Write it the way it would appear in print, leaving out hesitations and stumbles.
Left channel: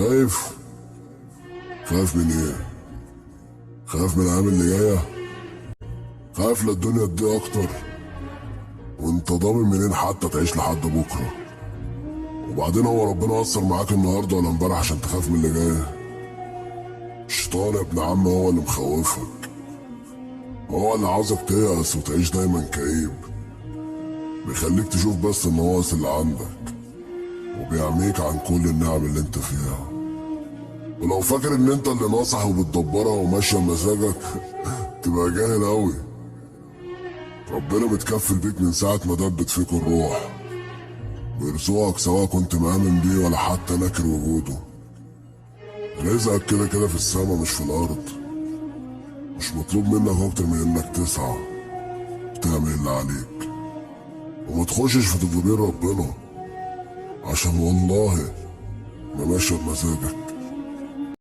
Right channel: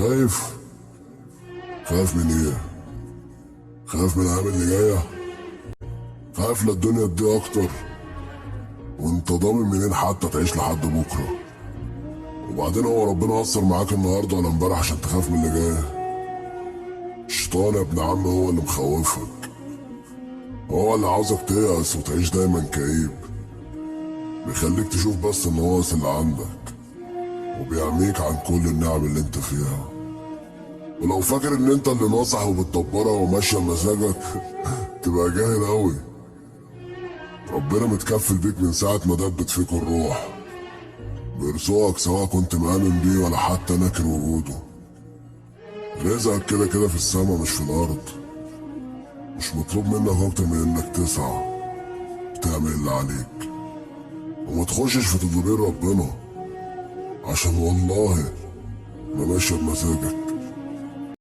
خايف؟ خايف من ايه؟ خايف من الايام اللي جايه؟ خايف للدنيا تضيق اكتر؟ وانت ضامن منين حتى تعيش لحد بكره؟ وبعدين هو ربنا اثر معاك النهارده ولا امبارح عشان تخاف من اللي جاي؟ الشيطان يا ابن عم هو اللي مخوفك، هو اللي عاوزك تيأس وتعيش دايما كئيب، بيخليك تشوف بس النواقص اللي عندك وبيعميك عن كل النعم اللي انت فيها. ولو فاكر ان انت اللي ناصح وبتدبرها وماشيه بمزاجك تبقى جاهل اوي. ربنا متكفل بيك من ساعة ما دبت فيك الروح، بيرزقك سواء كنت مآمن بيه ولا حتى ناكر وجوده. رزقك كده كده في السما مش في الأرض، مش مطلوب منك أكتر من إنك تسعى تعمل اللي عليك وما تخشش في تدبير ربنا، عشان والله ما ماشية بمزاجك.